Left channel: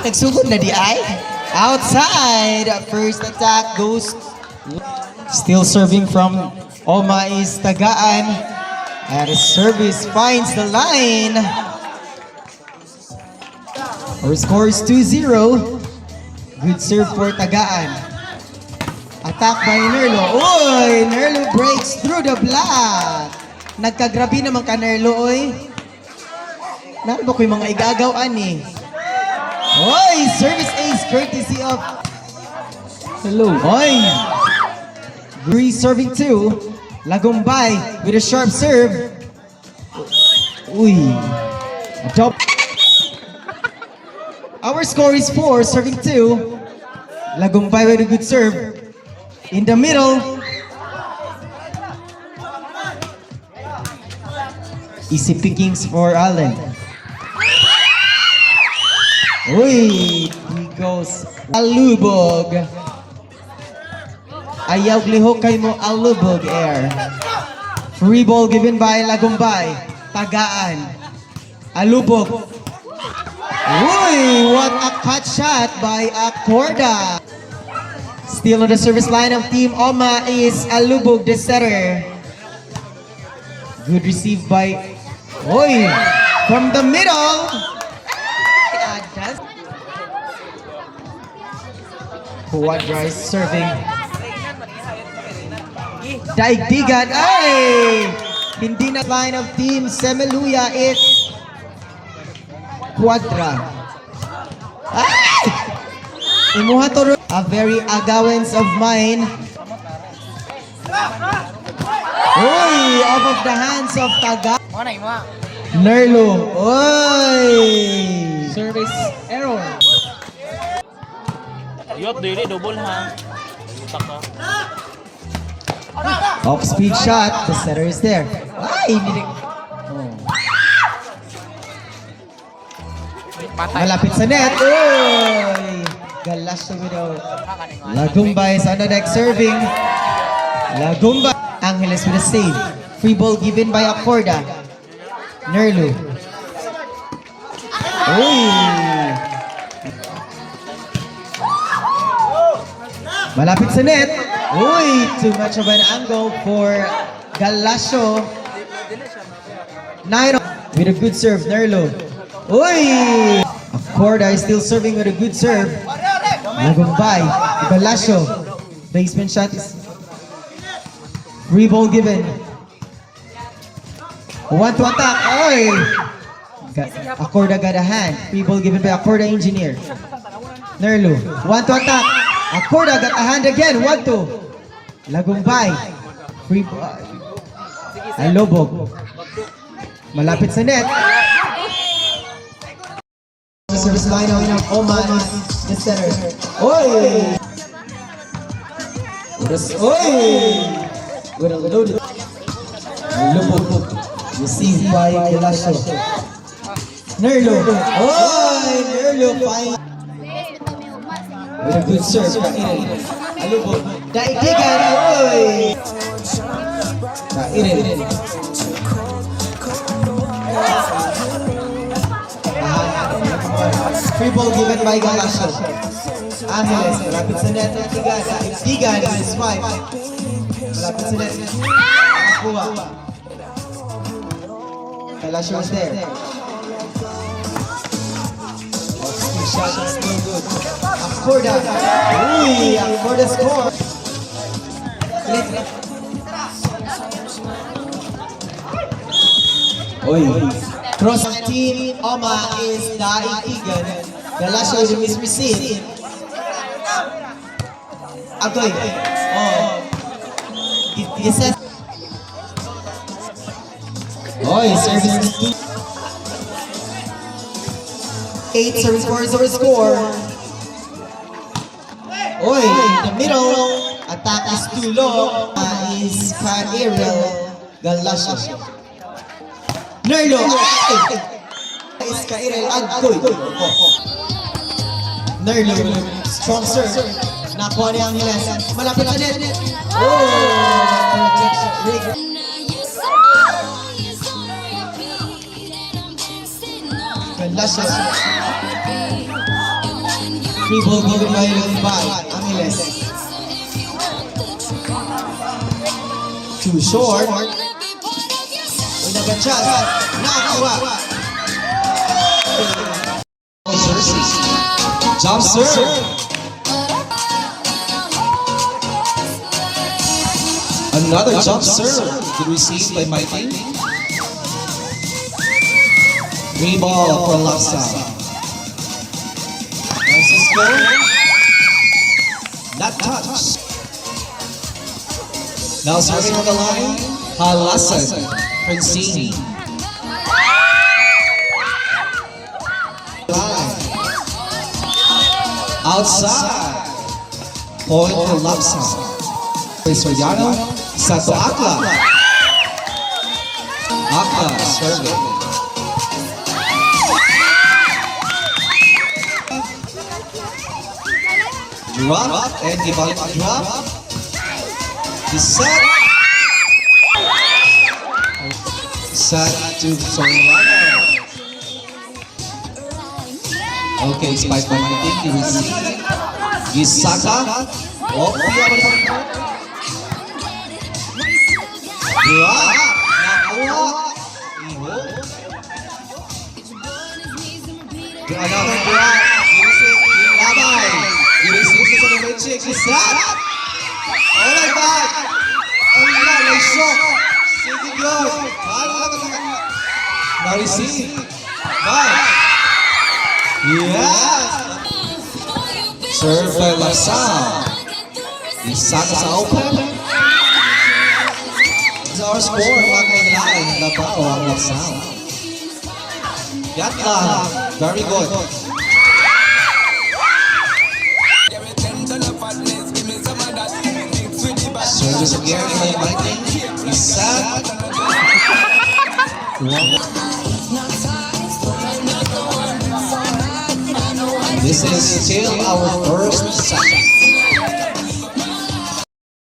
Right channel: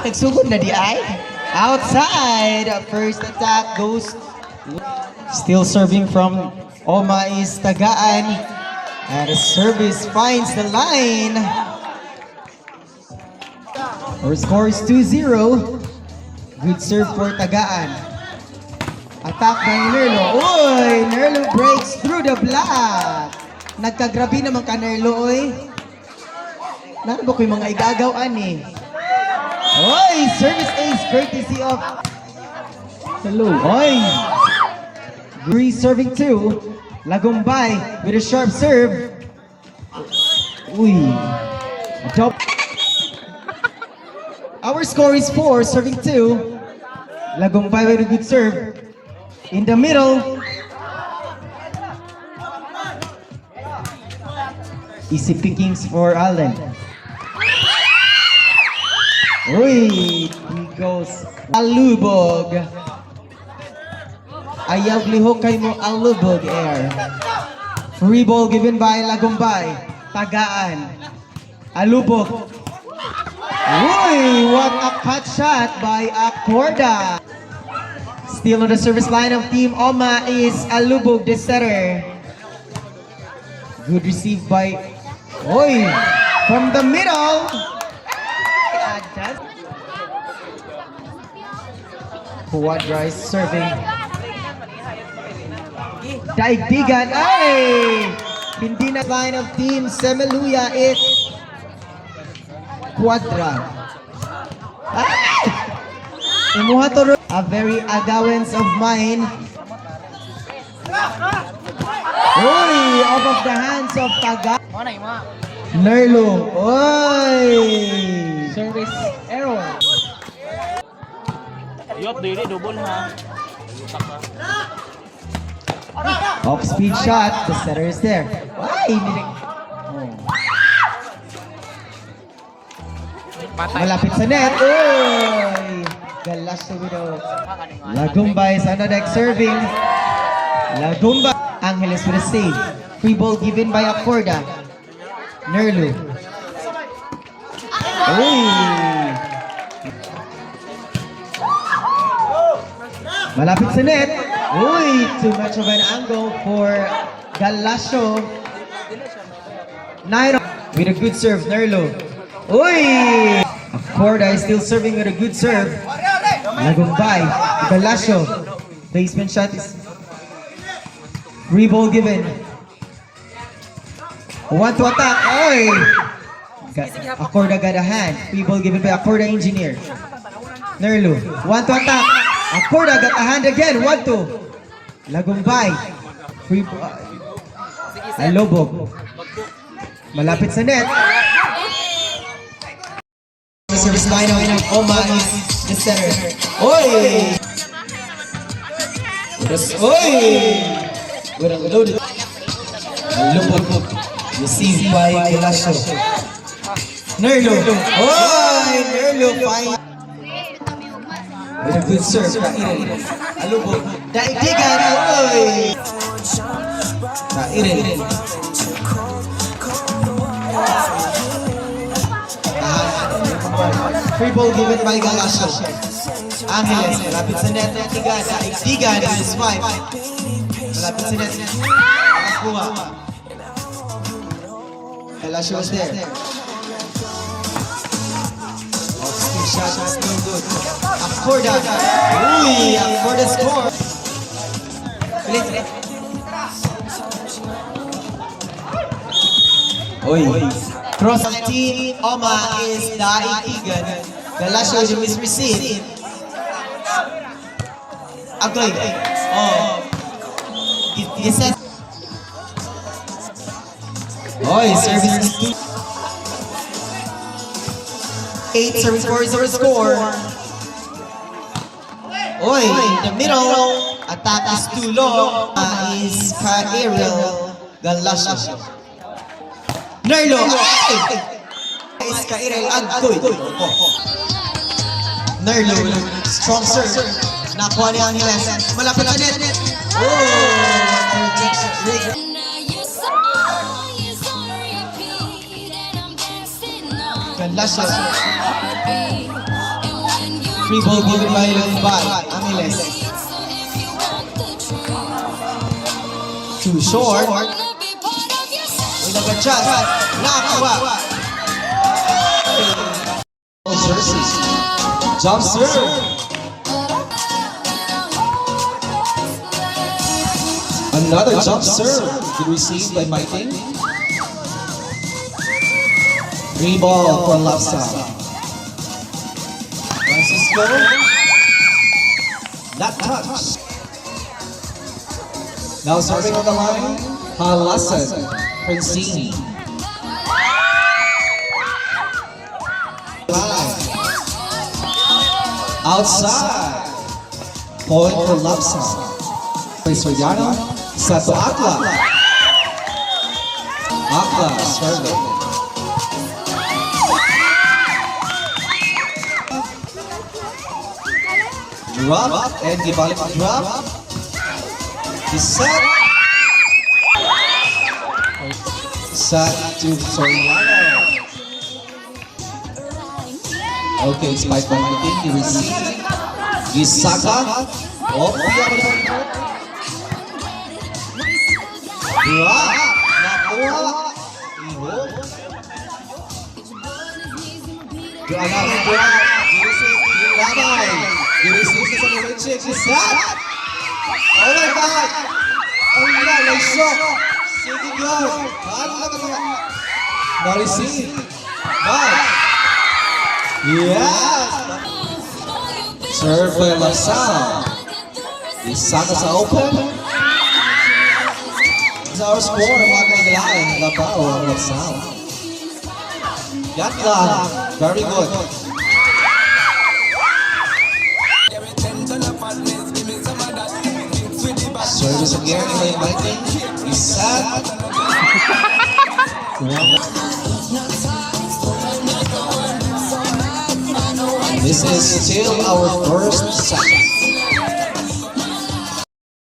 Nagsugod na di ay. Outside. First attack goes. Still serving from Oma is Tagaan. And the service finds the line. Our score is 2-0. Good serve for Tagaan. Attack by Nerlo. Oy! Nerlo breaks through the block. Nagkagrabi naman ka Nerlo, oy. Naku ba ko yung mga igagawan eh. Oy! Service ace courtesy of Hello. Oy! Bree serving two. Lagumbay with a sharp serve. Uy! Double. Our score is 4, serving 2. Lagumbay with a good serve. In the middle. Easy pickings for Allen. Uy! He goes Alubog. Ayaw lihok kay mo Alubog air. Free ball given by Lagumbay. Tagaan. Alubog. Uy, what a cut shot by Acorda. Still on the service line of Team Oma is Alubog, the setter. Good receive by Uy, from the middle. Quadra is serving. Daigdigan, ay! Hindi na line of Team Semeluya is Quadra. Imuha to a very agawens of mine. Uy, out of the hands of Taga. Nerlo. Uy! Service error. Yop, dili double ha. Off speed shot. The setter is there. Ay, hindi. Malapit sa net. Uy! Galas na widow. Lagumbay is on the deck serving. Lagumbay. Angeles with a save. Free ball given by Acorda. Nerlo. Uy! Malapit sa net. Uy! Too much of an angle for Galasio. Nairo with a good serve. Nerlo. Uy! Acorda is still serving with a good serve. Lagumbay. Galasio. Basement shot is free ball given. Want to attack. Oy! Acorda got a hand. Free ball given by Acorda Engineer. Nerlo. Want to attack. Acorda got a hand again. Want to. Lagumbay. Free ball. Alubog. Malapit sa net. Service line of Oma is the center. Oy! Oy! Good unloaded. Alubog. Received by Galasio. Nerlo. Oy! Nerlo fine. With a good serve. Alubog. Daigdigan. Oy! Irin. Free ball given by Galasio. Angeles. Malapit sa net. Daigdigan with his wife. Malapit sa net. Kuha. Galasio is there. Off-speed shot is still good. Acorda. Uy! Acorda score. Oy. Cross of Team Oma is Daigdigan. Galasio with the misreceive. Agoy. Oh. Yes. Oy, service is 8 service scores over score. Oy, in the middle. Attack is too low. Is Kairel Galasio. Nerlo. Is Kairel Agtoy. Nerlo. Strong serve. Nakuha niya ang Angeles. Malapit na net. Oh! Galasio. Free ball given by Bal. Angeles. Too short. With a good shot. Nakakuha. Jump serve. Another jump serve. Good receive by Mikey. Free ball for Lapsa. Francisco. Not touch. Now serving on the line. Halasan. Francini. Outside. Point for Lapsa. Soriano. Sato Akla. Akla serving. Drop and dibalik drop. Set. Set to Soriano. Okay, spike by my team. He received. Gisaka. Oh, drop. Nakuha. Another drop. Labay. Ginisip sa mga chick. Set. Oh my God. Oh my God. Like shock. Sige yun. Na-receive. Bye. Yes. Serve by Lasal. Isaka sa open. It's our score. Mga kailangan. Labaw ang Lasal. Yan lang. Very good. Service again by Mikey. Isaac. This is still our first set.